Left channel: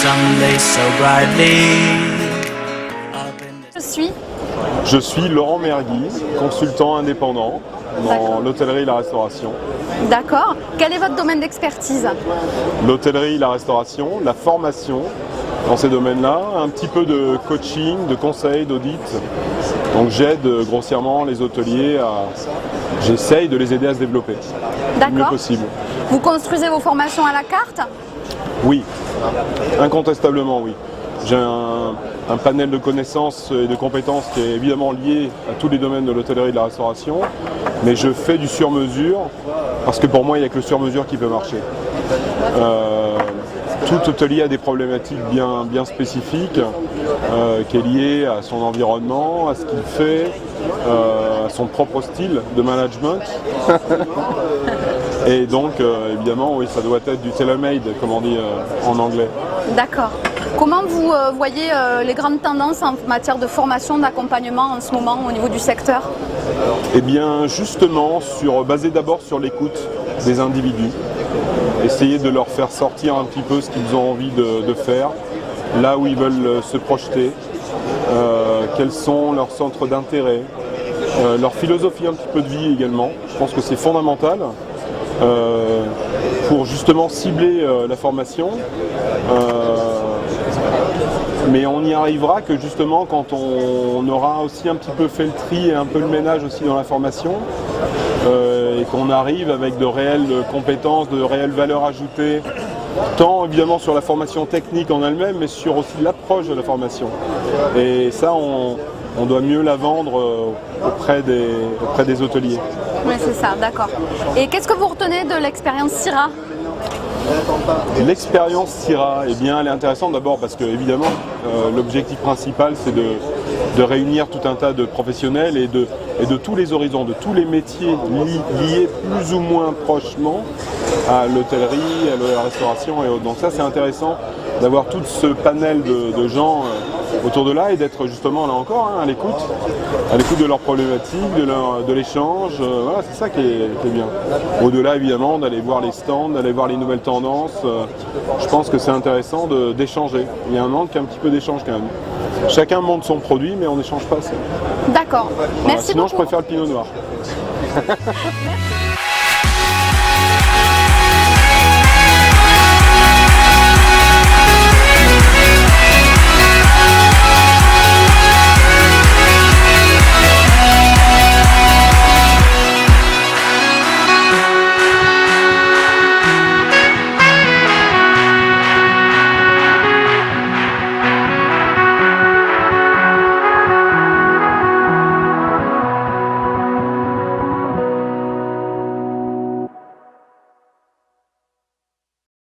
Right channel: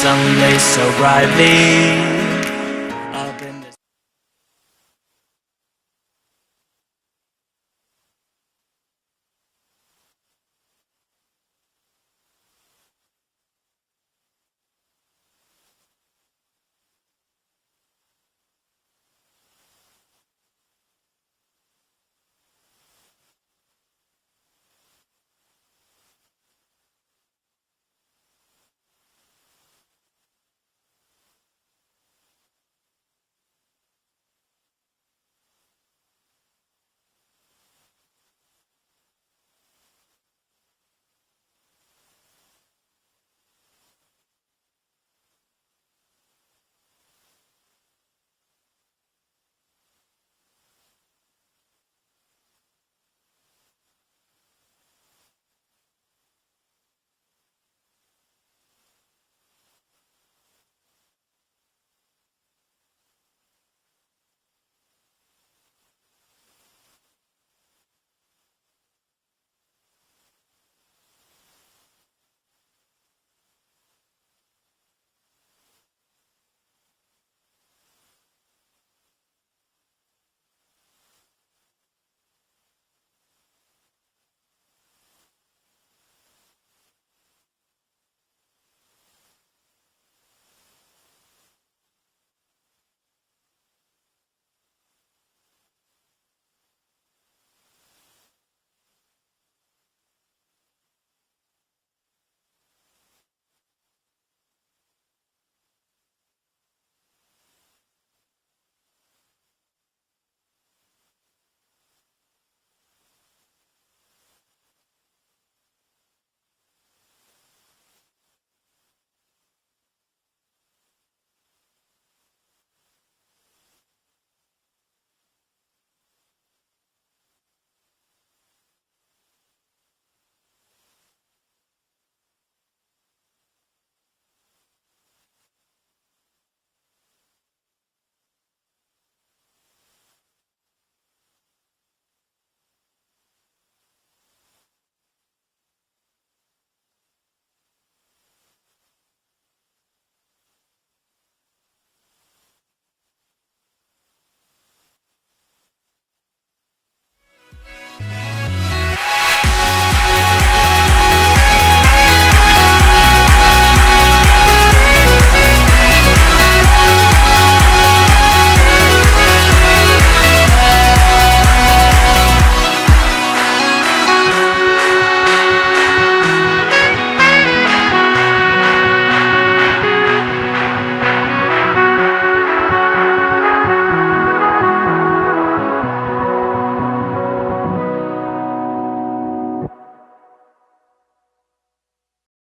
sunday so brightly. Je suis Laurent Mergui, consultant indépendant dans l'hôtellerie et la restauration. D'accord. Quel est votre domaine d'expertise? L'hôtellerie, la restauration, la formation dans ces domaines-là, un petit peu de coaching, de conseil, d'audit. Donc j'aide grossièrement les hôteliers j'essaye de les aider à se développer le mieux possible. Vous construisez vos formations à la carte? Oui, incontestablement oui. J'ai un panel de connaissances et de compétences qui est évidemment lié à tous les domaines de l'hôtellerie et de la restauration, mais je fais du sur-mesure parce que pour moi il n'y a que le sur-mesure qui peut marcher. Tout hôtelier a des problématiques bien spécifiques qui est liée à son environnement, à ce qu'il fait, à son propre style de management. Et donc évidemment oui, ça doit être du tailor-made comme on dit en anglais. D'accord. Comment vous voyez les grandes tendances en matière de formation, d'accompagnement en ce moment au niveau du secteur? Eh bien justement basé d'abord sur l'écoute des individus. Essayer de leur faire sortir un petit peu ce qu'ils ont envie de faire, là où ils veulent se projeter, quels sont leurs centres d'intérêt, leur philosophie un petit peu de vie également. Je pense que c'est fondamental pour justement cibler la formation. Mais on n'y arrivera que justement quand on aura aussi un petit peu fait le tri et un peu le ménage aussi dans la formation et qu'on arrive avec de réelles compétences, de réelles valeurs ajoutées, tant évidemment sur la formation technique en elle-même, mais sur aussi l'approche de la formation. Et ça, on doit mieux la vendre auprès des hôteliers. Oui, c'est ça, d'accord. Et qu'est-ce que vous retenez de l'expérience CIRA? L'expérience CIRA, eh bien, elle est intéressante d'abord parce que évidemment l'objectif principal c'est de réunir tout un tas de professionnels et de tous les horizons, de tous les métiers liés plus ou moins prochement à l'hôtellerie, à la restauration et autres. Donc ça c'est intéressant d'avoir tout ce panel de gens autour de là et d'être justement là encore à l'écoute de leurs problématiques, de l'échange, voilà, c'est ça qui est bien. Au-delà évidemment d'aller voir les stands, d'aller voir les nouvelles tendances, je pense que c'est intéressant d'échanger. Il y a un manque un petit peu d'échange quand même. Chacun monte son produit mais on n'échange pas assez. D'accord, Voilà. merci Sinon beaucoup. je préfère le pinot noir.